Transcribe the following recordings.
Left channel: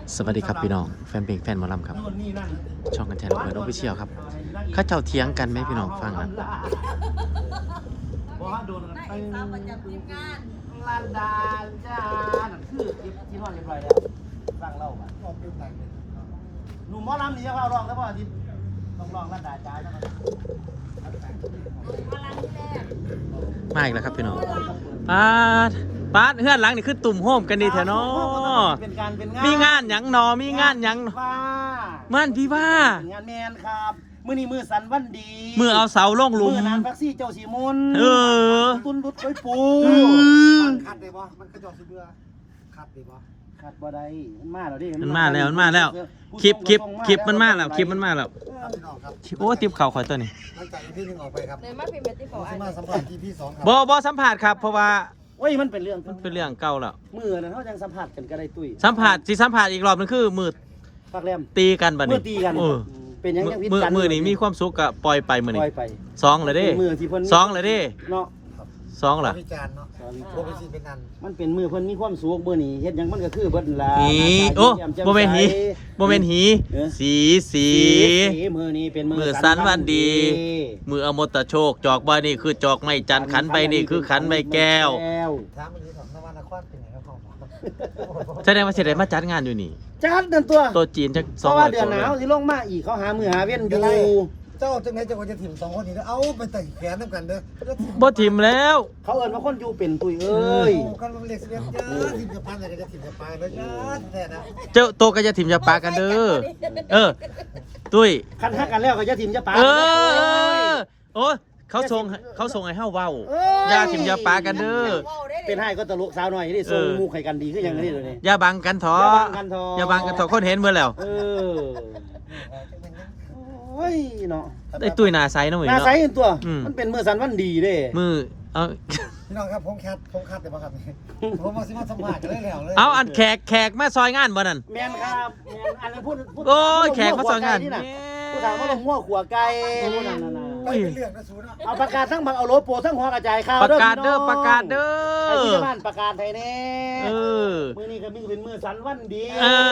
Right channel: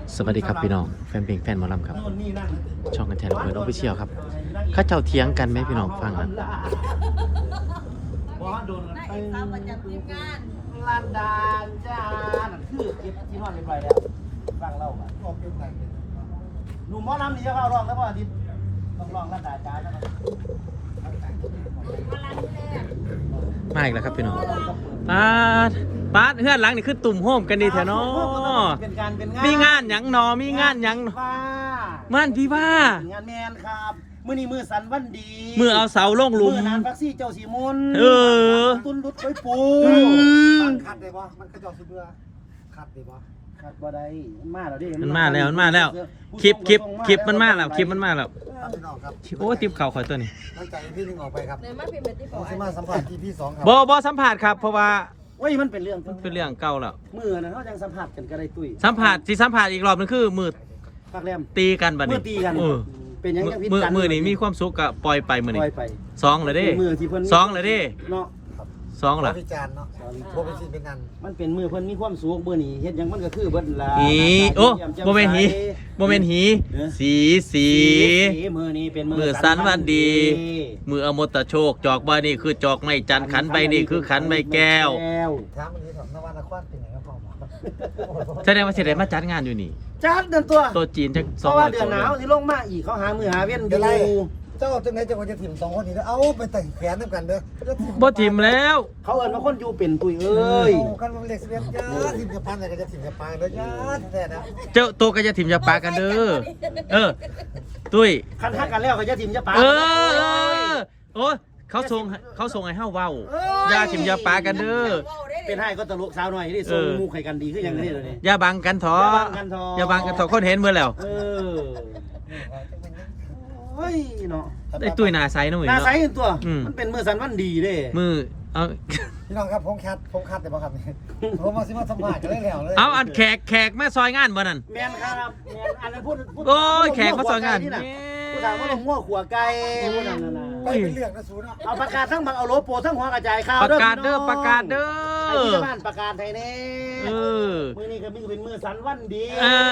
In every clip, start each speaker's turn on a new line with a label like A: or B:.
A: สวัสดีครับพี่น้องแฟนเพลงแฟนหมอลำครับช่องกันแทนเปิดออฟฟิเชียลครับข้าเจ้าเถียงกันไหมพี่น้องฟังนะ
B: นายเอกสาวประจำทีมงาน
C: ลานดานจ้านั่นคือเก็บที่นอนเรียบร้อยแล้วฟังเล่าก่อนหนุ่มหมอลำนี่จะเข้าร้องแล้วพ่ออาทิตย์ต้องร้องลานดาจ้านะครับ
A: มาอีกแล้วครับพี่น้องป้าเฮือนหลังนี่คือตุ่มโฮมกันดีแถวเนาะมีงานหยังนอมีงานหยังม่านพี่ว่าง
C: านแมนครับมื้อนี้มื้อสันวันดี
A: มือเอาเสาลงหลุม
C: มื้อนานฟักซี่เจ้าสีมนตุนรุดไว้ปูมันขัดได้บ่มันกระจอกสิเบื่อขัดได้บ่ขัดบ่ได้มันมาแล้วดิ
A: มันมาแล้วคลิปมันมาแล้วโอ้ติบเข่าข่อยตัวนี้
C: ตั้งใจพี่นึงออกไปครับ
B: เดินมาเป็นแบบที่บอก
C: มาสัมผัสที่พี่2ครับ
A: บ่สัมผัสครับเพราะว่า
C: โอ้ยมันเป็นเรื่อง
A: เก่าแล้ว
C: มื้อนั้นเฮาจังสัมผัสกันก็ได้ตุ้ย
A: สัมผัสอีกรอบนึงคือมือ
C: ปักแรม
A: ตีกันบัดนี้
C: มือตีกันเป็นยังไงพิษกัน
A: มือนี่มีความสุขก็ปล่อยไปมื้อนี้2เลยเด้2เลยเด้
C: เนาะ
A: 2ล่ะ
C: พิจารณ์เนาะบ่เป็นสิเป็นอันมันเป็นมือเพิ่นมีความสุขมื้อนี้เฮ็ดหยังมันก็คือเบิดล่ะ
A: โอ้บ่แม่นหีสี
C: มือนี้เป็น
A: มือสันวันดีมืออมตะโชคจอกใบนี่คือจอกไม้จันขันใบนี่คือขันใบแก้ว
C: ถามมันนี้ของนวานครเป็นไงครับพ่อ
A: แสดงว่าสิได้มาจัดงานอยู่นี่
C: จัดเดือนตัว
A: จีนจัก
C: เพราะว่าเดือนหนาวสิลงมาอีกเขาหามือหาเว้นอยู่เจ้าจังไหนจังว่าจะถิ่ม2คนนี้เอาไปแต่งแขนนำกันเด้อ
A: บ่ถิ่มแล้ว
C: เขาเอิ้นว่าคนอยู่เป็นตุยเอ้ยกันเล็กเสียจ้าถิ่มจะพันอะไรก็จะถิ่มจะปลายแล้วจ้าแท้นะ
A: เจ้าโตก็จะถิ่มจะปากันเด้อตุ้ย
C: คันฮักกันแล้วก็จะถิ่มจะปา
A: โอ้เขาส่งให้เฮาเว้าอย่าถิ่มอย่าปากันเด้อ
C: เป็นให้ก็ตลกสาวหน่อยที่ส่งมูไข่กันดีคืออย่างนี้เลย
A: อย่าบังกันเถอะอย่าบังกันเถอะคนเห็นเมื่อแล้ว
C: เฮ้ยเนาะ
A: ไอ้ตุ้ยหน้าใสเนาะ
C: หน้าใสตัวมันเป็นมือสันวันดีเด้
A: มือ
C: พี่น้องครับผมคัดแต่บ่ครับผมมาสิมาสัมภาษณ์กันแล้วเลย
A: เอาอันแขกมาซอยงานบ่นั่น
C: แม่นครับแม่นอันนั้นพูด
A: โอ้ยแขกมาซอยงาน
C: ผู้ถามว่าหัวขัวไก่นั่นน่ะไปเป็นเรื่องนะสูเนาะเอาประกาศทั้งบังเอาโลโปทั้งหัวกระจายข่าว
A: ประกาศเด้อ
C: ไอ้ที่บ้านประกาศไทยแน่มื้อนี้ก็มีเป็นมื้อสันวันดี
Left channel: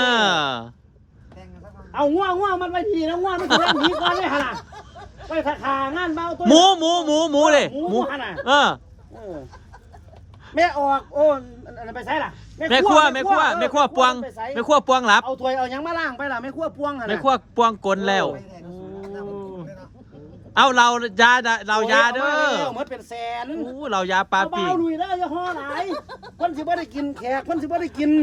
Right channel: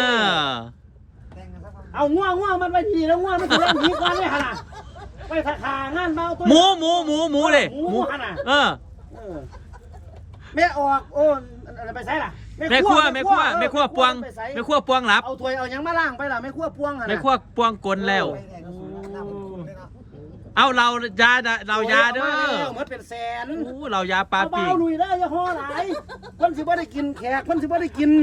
C: เอาง่วงมันไปทีแล้วง่วงไม่ถึงแล้วผีก่อนเลยฮะน่ะไปขางานเบาตัว
A: หมูเลย
C: หมูฮะน่ะแม่ออกโอ้ไปใช้ล่ะ
A: แม่ขั้วปวงหลับ
C: เอาถ้วยเอายังมาล้างไปล่ะแม่ขั้วปวงฮะ
A: แม่ขั้วปวงกลแล้วเอาเรายาเด้อ
C: เหมือนเป็นแสน
A: เรายาปลาปี
C: เอาลุยได้จะห่อไหนเพิ่นสิบ่ได้กินแขกเพิ่นสิบ่ได้กิน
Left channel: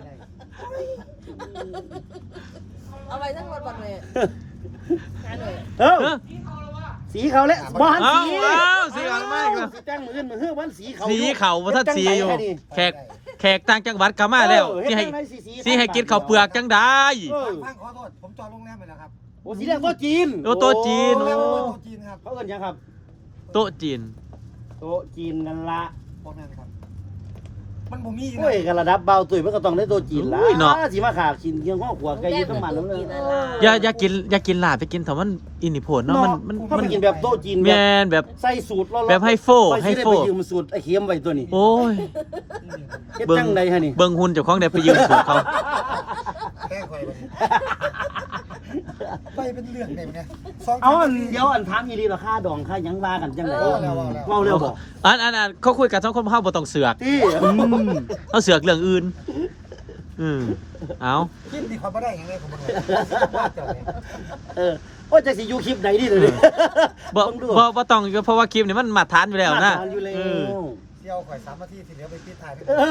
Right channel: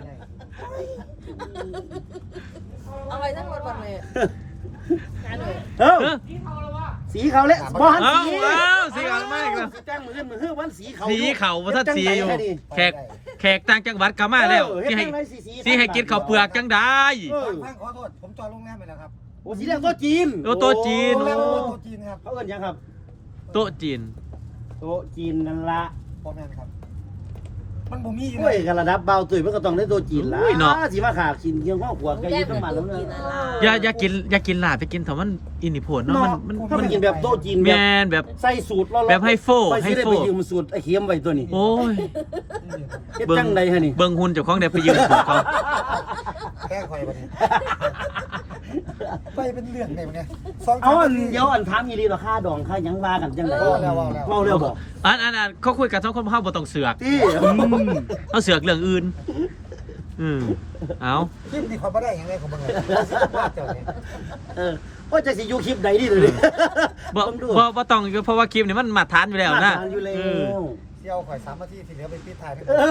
B: เอาไปทั้งรถวันเลย
C: สีเขาเลยบอล
A: สีเขาไม่ครับ
C: สีแจ้งมือวันสี
A: เขาท่านสีอยู่แขกต่างจังหวัดก็มาแล้วที่ให้กินข้าวเปลือกจังได้
C: ขอโทษผมจอดโรงแรมไปแล้วครับโอ้สีแดงโต๊ะจีน
A: โต๊ะจีน
C: ครับเขาเอิ้นยังครับ
A: โต๊ะจีน
C: นั่นละพ่อแม่ครับมันบ่มีอยู่เลยกันระดับเบาตุ๋ยมันก็ต้องได้โต๊ะจีนละสิมาขากินเที่ยงข้อขวดไก่ยี่ต้มมันแล้ว
A: อย่ากินลาบไปกินแต่มันอินิโพดเนาะ
C: มันกินแบบโต๊ะจีน
A: แบบ
C: ใส่สูตร
A: แบบให้โฟ
C: ไปยืมสูตรไอ้เค็มไว้ตัวนี้
A: โอ้ย
C: เฮ็ดจังไดฮะนี่
A: เบิ่งหุ่นเจ้าของได้ไปยืมสูตรเขา
C: แค่ข่อยบัดนี้ไปเป็นเรื่องได้มั้ยเอาเดี๋ยวอันถามอีหลีราคาดองค่าหยังว่ากันจังได๋เว้าแล้วบ่
A: อันเขาคุยกัน2คนเฮาบ่ต้องเสือกเขาเสือกเรื่องอื่นเอา
C: คลิปนี้เขาบ่ได้ยังไงผมบ่รู้โอ้จะสิอยู่คลิปใดดีเลย
A: บ่ต้องเพราะว่าคลิปนี้มันมาทานอยู่แล้วนะ
C: เที่ยวข่อย3นาทีที่เหลือไปปิดท้าย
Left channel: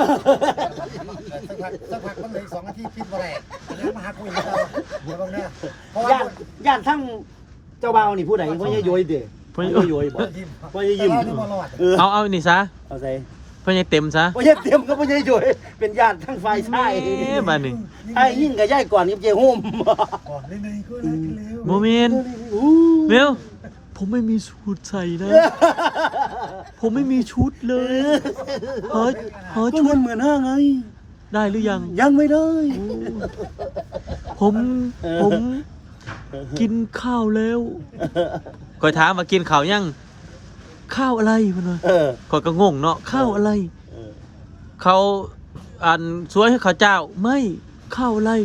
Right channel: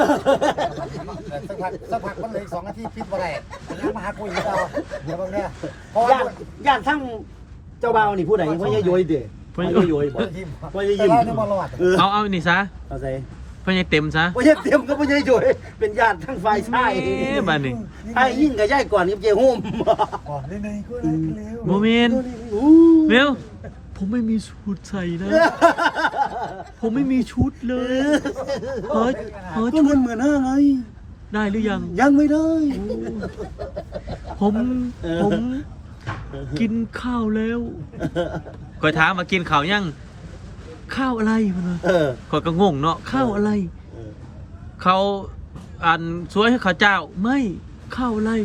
C: สักพักมันเลย2นาทีปิดบ่ได้ยังมาหาคุยกับเราเดี๋ยวเบิ่งเด้อเพราะย่านทั้งเจ้าบ่าวนี่ผู้ใดพ่อใหญ่โยยติพ่อใหญ่โยยบ่พ่อใหญ่ยิ้ม
A: เอานี่ซะ
C: เอาใส่
A: พ่อใหญ่เต็มซะ
C: พ่อใหญ่เต็มก็พ่อใหญ่โยยเป็นญาติทั้งฝ่ายชาย
A: บัดนี้
C: ไอ้ยิ่งกับยายก่อนนี่เจ้ห่มก่อนในก็เร็ว
A: โมเมนต์เร็วผมไม่มีชุดใส่นะผมไม่มีชุดเลย
C: หาชุดเหมือนห้าไง
A: ได้หรือยัง
C: ไม่ได้
A: ผมกินข้าวแล้วคอยถามว่ากินข้าวยังข้าวอะไรมันคอยก็งงเนาะข้าวอะไรเขาสวยให้ข้าวเจ้าไม่ข้าวอะไร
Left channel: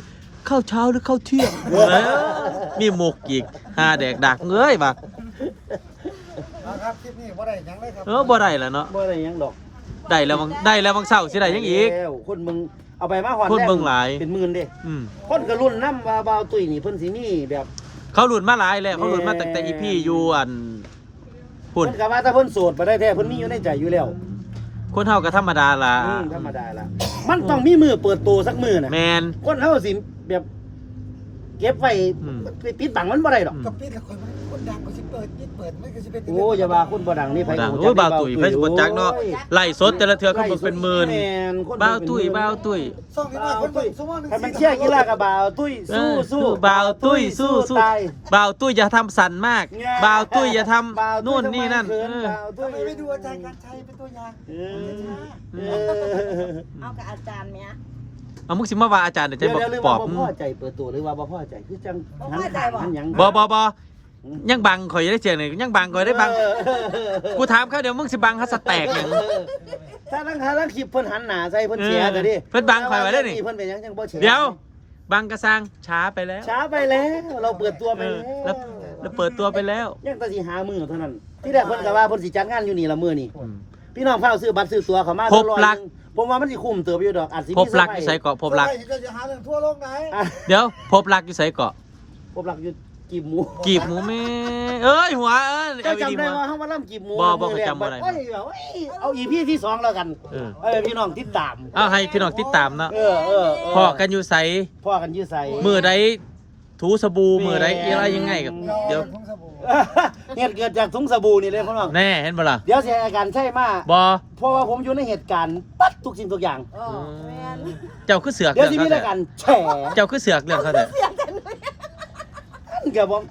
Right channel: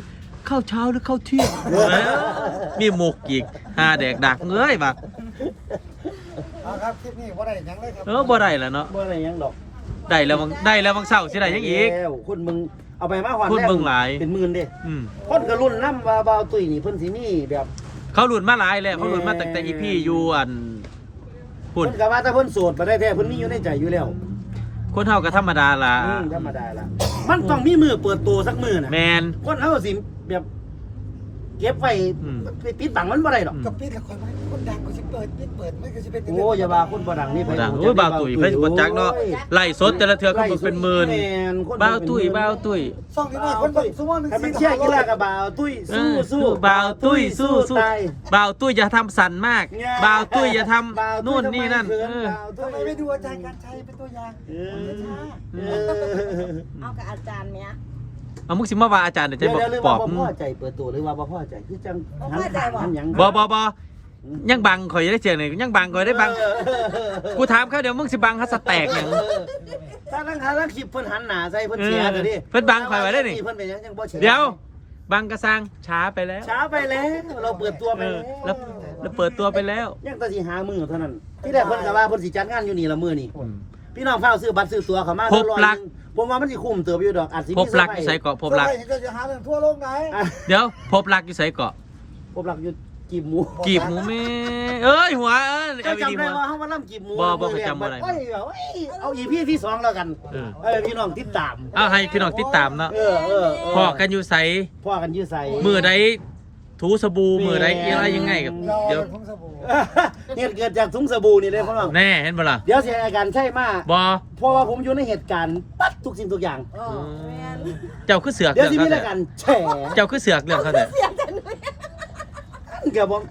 A: ข้าวเช้าหรือข้าวเที่ยงมีหมกอีกหาแดกดักเงยมา
C: ครับคลิปนี้บ่ได้หยังเลยครับ
A: บ่ได้แล้วเนาะ
C: บ่ได้หยังดอก
A: ได้แล้วบางเช้าสิได้ยังอีก
C: แล้วคนมึงเอาไปมาหอน
A: คน
C: แรก
A: เบิ่งหลาย
C: เป็นหมื่นเด้
A: อืม
C: คนก็รุ่นน้ำว่าบ่าวตุ้ยนี่เพิ่นสิมีแบบ
A: เขาหลุดมาหลายแล้วเขาหลุดมาตั้งแต่อีพี่อยู่อันพุ่
C: เพิ่
A: น
C: นก็ว่าถ้าเพิ่นโสดไปได้แท้เพิ่นมีอยู่ในใจอยู่แล้ว
A: คนเฮาก็ธรรมดาล่ะ
C: ธรรมดาละมันต้องมีมือเปิดตัวสักมือน่ะ
A: แมน
C: คนเฮาสิแบบเก็บไว้
A: อืม
C: ไปปิดบังมันบ่ได้หรอก
D: กับปิดละครมันคนดังก็สิเปิดมันก็สิเป็น
C: โอ้อย่าว่าคนบ่ดังนี่
A: บ่ดังโอ้ยบ่าวตุ้ยเพิ่นบ่จักเนาะไล่สดแต่ละเทื่อเขาบอกเป็นหมื่น
C: แม่นคน
A: บ่าวตุ้ย
D: ซ่องนี้น้อยคนเบิ่งซุมื้อนึง
C: ถ้ามันเชื่อกีฬากับบ่าวตุ้ยสู้
A: บ่าวตุ้ยสู้
C: ตาย
A: บ่าวตุ้ยอย่าทำสั่นมากบ่าวตุ้ยอย่าทำ
C: บ่าวตุ้ย
A: นู่นนี่นั่น
C: ทำไมเขิ
A: เออ
C: บ่าวตุ้
D: ทำ
C: ย
D: ไมไม่ดูอาจารย์การชัยเป็นตัวอย่าง
C: เออ
B: เอากับอาจารย์ไหม
A: เอามุกสิมาว่าอาจารย์เดี๋ยวจะ
C: เดี๋ยว
A: บอก
C: เดี๋ยว
A: ป
C: บ่
A: อบ
C: พ่อใจเปิดตัวหรือว่าบ่พ่อใจคือจัง
B: บ่พอใจบ่
C: หยัง
A: บ่ยังบังข่อยได้เจียงนี่ยังบังข่อยได้บังกูถามเขาเดี๋ยวมึงสิบังฮัสแตกหยัง
C: ถ้าลังคลิปเพิ่นหันหน้าใส่เพิ่นเสียก็ดิ
A: เพิ่นบังข่อยไว้ได้นี่
C: เพิ่นเป็นหยังจังบ่เฉย
A: เดี๋ยวบังกระซังช้าไปแล้ว
C: ช้าไปแล้วเราเปิดตัวไป
A: แล้วเปิดตัวไปแล้ว
C: ยังแต่สิหามือเท่านั้น ที่แรกเพิ่นก็ว่าเพิ่นสิจัดงานอยู่นี่ละมื้อนี่พี่น้องเฝ้าซื้อบัตรซื้อตั๋วเข้ามา
A: พบรัก
C: ผมว่ามันสิคุ้มเติบอยู่ดอกอาจสิ
A: พ
C: มี
A: บรักอยู่ไสเกาะพบรัก
D: ก็จะหาเรื่องทั่วโลกไหน
A: เดี๋ยวพบรักอยู่ไสเกาะ
C: พบรักอยู่กีบหมู
A: กีบหมูแม่เอ้ยหัวเอ้ย
C: เจ้า
A: เอาดี
C: จำ
A: หั
C: ได้
A: ว
C: ว่าเฮามาล่ำกีบหมู
A: บ่เคยจำบ่ได้
C: โอ้ยเอา EP ที่2แล้วกัน
A: เออ
C: พี่น้องติดตาม
A: เอาให้พี่น้องติดตามเนาะ
C: เออ
A: พอกันอยู่ไส
C: พ่อกันอยู่ใส่
A: มือใดถูสบู่มือใดอะไรยังไงกับเดี๋ยว
D: พงสบู่
C: เหตุเกิดจากถุงสบู่นี่เลยพ่อน้อง
A: แน่เห็นบ่ล่ะ
C: เดี๋ยวสิให้อาการใช่มา
A: บ่
C: เพราะว่าผมอยู่ในเหตุการณ์ปั๊บทุกสิ่งทุกอย่าง
B: อ๋อแม่น
A: เจ้าคือเสือก
C: เดี๋ยว
A: เรื่อง
C: สิมี
A: เขา
C: ราย
A: แต่
C: การแฉ
A: เจ้าคือเสือกเรื่องเขาแต่
B: เสียแต่หนู
C: เกี่ยวกับ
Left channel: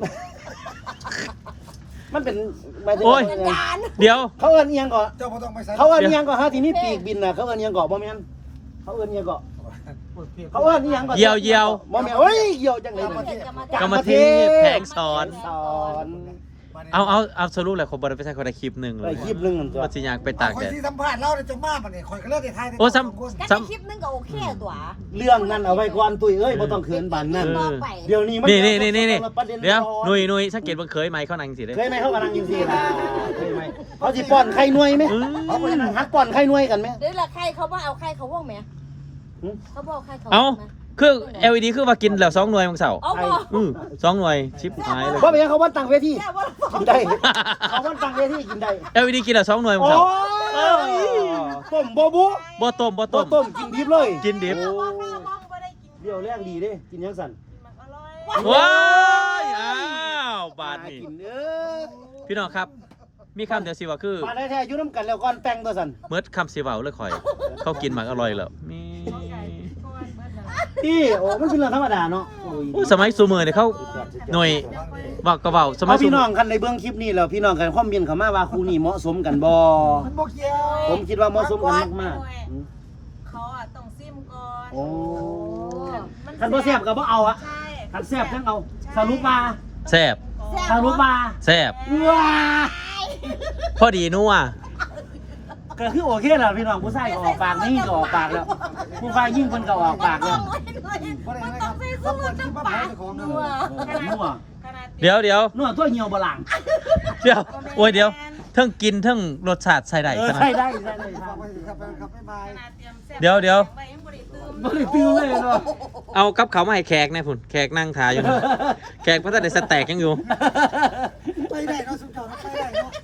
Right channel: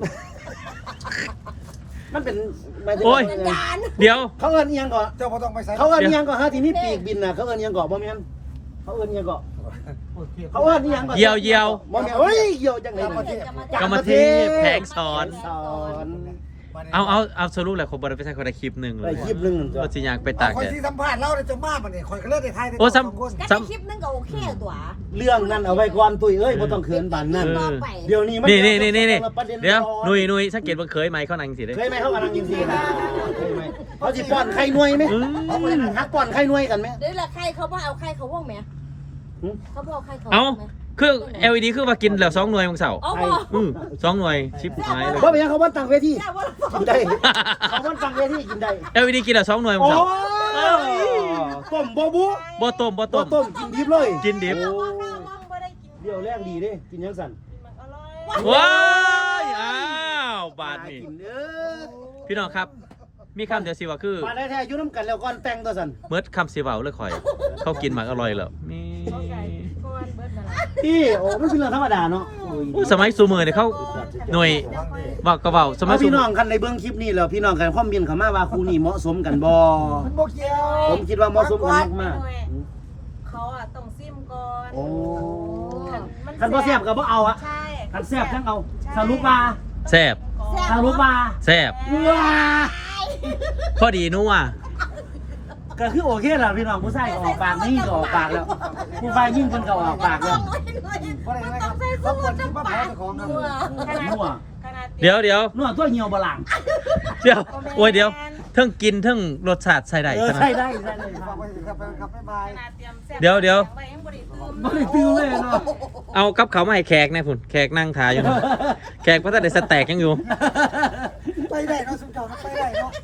C: มันเป็นหมายถึง
A: โอ้ย
B: อาจารย์
A: เดี๋ยว
C: เขาเอิ้นเอียงก่อน
D: เจ้าบ่ต้องไปใส่
C: เขาเอิ้นเอียงก่อนฮะที่มีปีกบินน่ะเขาเอิ้นเอียงก่อนบ่แม่นเขาเอิ้นเอียงก่อนเขาเอิ้นเอียงก่อน
A: เยียว
C: บ่แม่นเฮ้ยเหี่ยวจังเลย
A: กรรมธิแผงสอน
C: สอน
A: เอาสรุปแหละคนบริไปใช้คนละคลิปหนึ่งเล
C: ได้
A: ย
C: คลิปหนึงตัว
A: ว่าสิยางไป
D: ตา
A: ตาก
D: คน
A: แดด
D: ที่สัมภาษณ์เราเนี่ยจะมาบัดนี้ข่อยก็เลิกได้ทาย
A: โอ้ซ้
D: คน
B: กันในคลิปนึงก็โอเคตัว
C: เรื่องนั้นเอาไว้ก่อนตุ้ยเอ้ยบ่ต้องเขินปานนั้น เดี๋ยวนี้มัน
A: นี่
C: ประเด็น
A: เดี๋ยว
C: ร้อน
A: หนุยสังเกตว่าเคยไหมเขานั่งสิเด้
C: เคยไหมเขากำลังยินดีนะเคยไหมเขาจีป้อนไข่หน่วยไหมเขาหักป้อนไข่หน่วยกันไหม
B: เดี๋ยวละใครเขาว่าเอาใครเขาว่องไหมเขาบอกใครเขา
A: เอา
B: ว่องไหม
A: เครื่อง LED คือว่ากินแล้ว2 หน่วยของเสาร์
B: เอาบ่
A: 2 หน่วยชิปหายเลย
C: เพราะเป็นเขาวันตั้งเวที
B: แค่ว่า
C: กินได้เขาวันตั้งเวทีกินได้
A: LED กินแล้ว2 หน่วยของ
C: โอ้
A: เสาร์
C: ต้มโบบุ
A: บ่ต้ม
C: ต้มกินดิบเลย
A: กินดิบ
B: ว่าข้าวว่องไม่ได้กิน
C: เดี๋ยวแรงดีดิกินยังสั่น
B: อร่อย
A: ว้ายอ้าวบาทนี่
C: กิน
A: พี่น้องครับ มีคำเดียวสิว่าคือ
C: มาได้แท้ยุ่น้ำกันแล้วก่อนแต่งตัวสั่น
A: เมิดคำสิเว้าเลยข่อย เขากินหมากอร่อยแล้วมี
C: พี่โอ้มันเป็นเรื่องธรรมดาเนาะ
A: อู้สมัยซูมือเนี่ยเขาหน่วยว่าก็เว้าสมัย
C: เอา
A: ซู
C: พี่
A: มื
C: น้
A: อ
C: องกันในเบื้องคลิปนี้แล้วพี่น้องกันคอมเมนต์เข้ามาว่าคู่นี้เหมาะสมกันบ่
D: มันบ่เกี่ยว
C: ผมคิดว่าเหมาะสมกันมาก
B: เขาอ่ะต้องซิมก่อน
C: ๆโอ้คันบ่แซ่บก็บ่เอาอะ
B: ใช่
C: คันแซ่บจังเอาสรุปว่า
A: แซ่บ
C: สรุปว่า
A: แซ่บ
C: ว้า
A: พอดีนัว
C: ก็คือโอเคแล้วพี่น้องผู้ชายก็ออกปากยิ่งก็ออกปากแล้วผู้ชายยิ่งเพิ่นก็ออกปากแล้ว
D: บ่ได้นะครับเขาเปิดคลิปมาขายของนะ
C: นัว
A: เดี๋ยว
C: นัวตัวเหี่ยวบ่ล่าง
A: โอ้ยเดี๋ยวเทิงกินเทิงรสชาติใส่ได้
C: เออ
A: ขนาด
C: ใช่ได้ใช่ได้
D: ฝากไปครับบ๊ายบาย
A: เดี๋ยว
C: บ่ได้ตื้อเลยเนาะ
A: เอากับเขาวมาให้แขกนะพุ่นแขกนั่งทาอยู่นะแขกพระท่านได้สแต็กยังอยู่
D: ไปได้เนาะสุดยอดไปได้เนาะ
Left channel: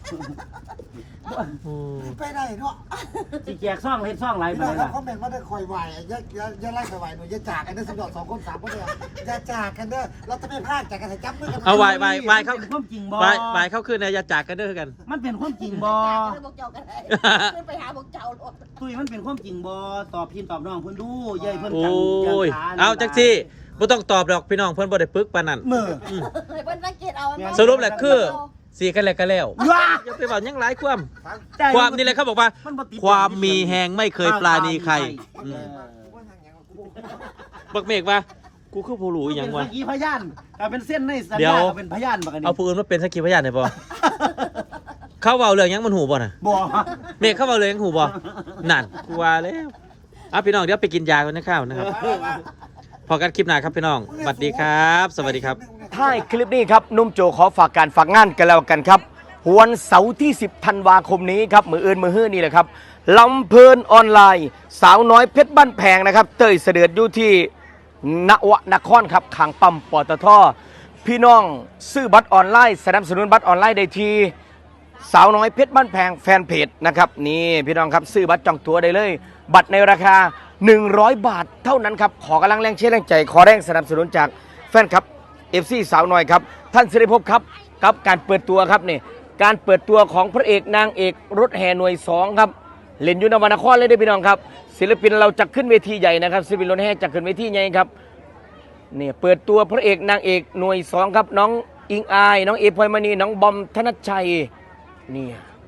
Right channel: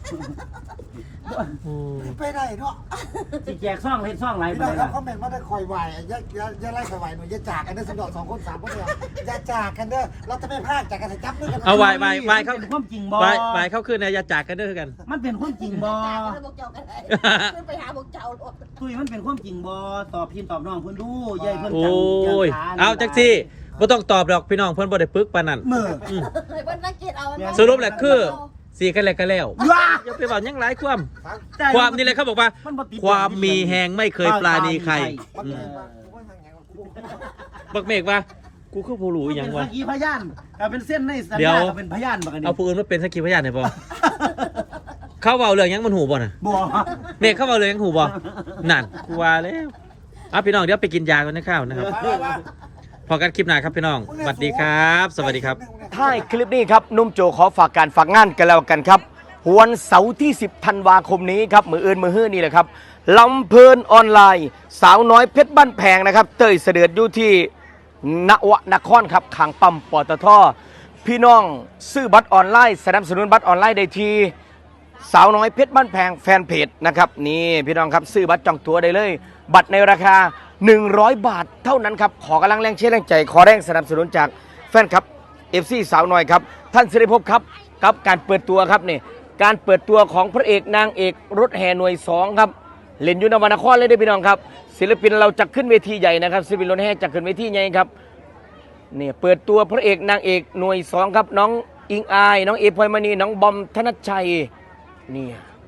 D: ไปได้เนาะ
C: สิแจกซ่องเฮ็ดซ่องหลาย
D: พี่
C: ไป
D: น้องค
C: เล
D: รับ
C: ย
D: คอมเมนต์มาได้คอยไหวอย่าไล่สวายหน่อยอย่าจากกันเด้อสุดยอด2 คน 3 คนเนี่ยอย่าจากกันเด้อเราจะไม่พลาดจากกันจับมือกัน
A: เอาวายเขา
C: เป็นความจริงบ่
A: วายเขาขึ้นนะอย่าจากกันเด้อกัน
C: มันเป็นความจริงบ่
B: บอกเจ้ากันขึ้นไปหาบอกเจ้าหรอก
C: ตุ้ยมันเป็นความจริงบ่ตอบพี่ตอบน้องเพิ่นดูยายเพิ่น
A: โอ้
C: จัง
A: ย เอาจักสิบ่ต้องตอบดอกพี่น้องเพิ่นบ่ได้ปึกปานนั้น
C: มือ
B: เลยเพิ่นสังเกตเอา
A: สรุปแหละคือสีกันแล้วก็แล้ว
C: ว้า
A: อย่าไปเว้าหยังหลายความนี่แหละเขาบอกว่า
C: มันบ่ติด
A: ความมีแหงไม่เคยปราณีใครอืมบักเมฆว่ากูคือผู้รู้อีหยังวะ
C: เป็นสักขีพยานแต่เป็นเส้นในสัญ
A: เดี๋ย
C: ญาว ก็เป็นพยานบักอันนี้
A: เอาผู้อื่นมาเป็นสักขีพยานได้บ่ เขาเว้าเรื่องหยังมันหูบ่น่ะ
C: บ่
A: เมฆเขาเว้าเรื่องหยังหูบ่นั่นกูว่าแล้วเอาพี่น้องเดี๋ยวไปกินยากันนะข้าวนะครับพอกันคลิปหน้าครับพี่น้องสวัสดีครับ สวัสดีครับ
C: ท้ายคลิปนี้ครับนุ่มโจขอฝากการฝากงานกันแล้วกันครับวันเสาร์ที่ 10 ธันวาคมนี้ครับมืออื่นมือฮื้อนี่แหละครับลำเพลินออนไลน์สาวน้อยเพชรบ้านแพงนะครับเตยเสด็จอยู่ที่นวนครครับขางปั๊มปตทพี่น้องซื้อบัตรออนไลน์สนับสนุนบัตรออนไลน์ได้ที่สาวน้อยเพชรบ้านแพงแฟนเพจนะครับนี่พี่น้องครับซื้อบัตรจองตั๋วได้เลย บัตรในราคา 100 บาทเท่านั้นครับขอกำลังแรงเชียร์แรงใจขอแรงสนับสนุนจากแฟนครับFC สาวน้อยครับท่านสิริภพครับกับการเปิดตัวครับนี่การเปิดตัวของพระเอกนางเอกรถแห่หน่วย2ครับเล่นอยู่นวนครเลยด้วยพี่น้องครับศิลปินเราจะขึ้นเวทีใหญ่นะครับศิลปินรถแห่จะขึ้นเวทีใหญ่ครับนี่เปิดตัวพระเอกนางเอกหน่วย2ครับน้องอิงอายน้องเอพลอยมณีน้องบอมธนชชัยนี่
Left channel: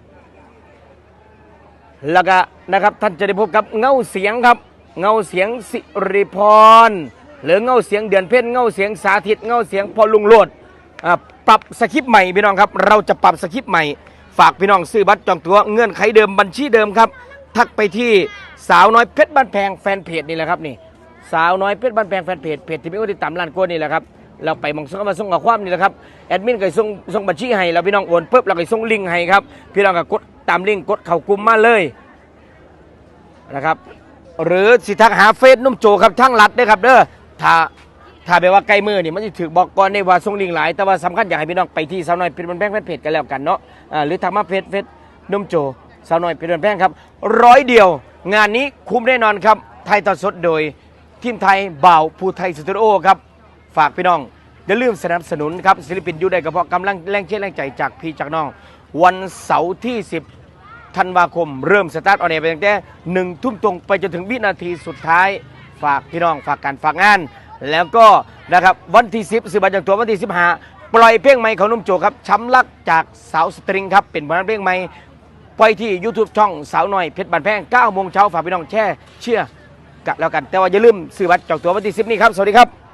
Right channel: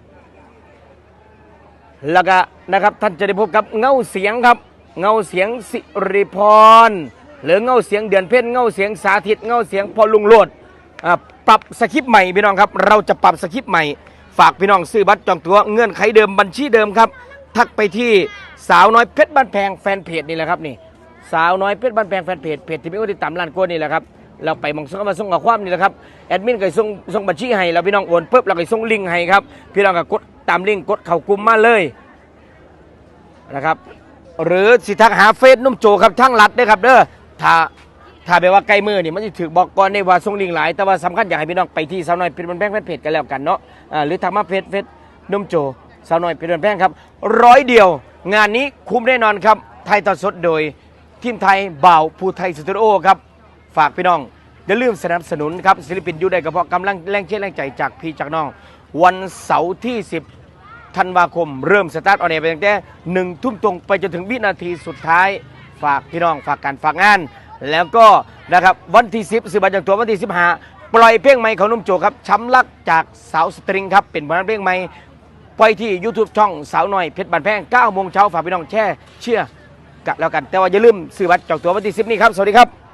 C: แล้วก็นะครับท่านจะได้พบกับเงาเสียงครับเงาเสียงสิริพรหรือเงาเสียงเดือนเพ็ญเงาเสียงสาธิตเงาเสียงพอลุงโลดปรับสคริปต์ใหม่พี่น้องครับเราจะปรับสคริปต์ใหม่ฝากพี่น้องซื้อบัตรจองตั๋วเงื่อนไขเดิมบัญชีเดิมครับทักไปที่สาวน้อยเพชรบ้านแพงแฟนเพจนี่แหละครับนี่สาวน้อยเพชรบ้านแพงแฟนเพจที่มีคนติดตามล้านกว่านี่แหละครับเราไปมองส่งมาส่งกับความนี่แหละครับแอดมินก็ส่งบัญชีให้แล้วพี่น้องโอนปุ๊บเราก็ส่งลิงก์ให้ครับพี่น้องก็กดตามลิงก์กดเข้ากลุ่มมาเลยนะครับหรือสิทักหาเฟซนุ่มโจครับทั้งรัดด้วยครับเด้อถ้าแบบว่าใกล้มือนี่มันจะถือบอกก่อนได้ว่าส่งลิงก์หลายแต่ว่าสำคัญอยากให้พี่น้องไปที่สาวน้อยเป็นแพงแฟนเพจกันแล้วกันเนาะหรือทางมาเฟซนุ่มโจสาวน้อยเป็นแพงครับ100 เดียวงานนี้คุ้มแน่นอนครับไทยต่อสดโดยทีมไทยบ่าวภูไทยสตูดิโอครับฝากพี่น้องอย่าลืมสนับสนุนครับศิลปินอยู่ได้ก็เพราะกำลังแรงเชียร์แรงใจจากพี่จากน้องวันเสาร์ที่10 ธันวาคมเริ่มสตาร์ทออนแอร์ไปตั้งแต่1 ทุ่มตรงไปจนถึงวินาทีสุดท้ายฝากพี่น้องฝากการฝากงานแล้วก็นะครับวันที่10ซื้อบัตรจองตั๋ววันที่15ปล่อยเพลงใหม่ของนุ่มโจครับช้ำรักจากสาวสตริงครับเป็นผลงานเพลงใหม่ปล่อยที่ YouTube ช่องสาวน้อยเพชรบ้านแพง 9 โมงเช้าฝากพี่น้องแช่เชื่อกันแล้วกันแต่ว่าอย่าลืมซื้อบัตรจองตั๋ววันที่10นี้ครับสวัสดีครับ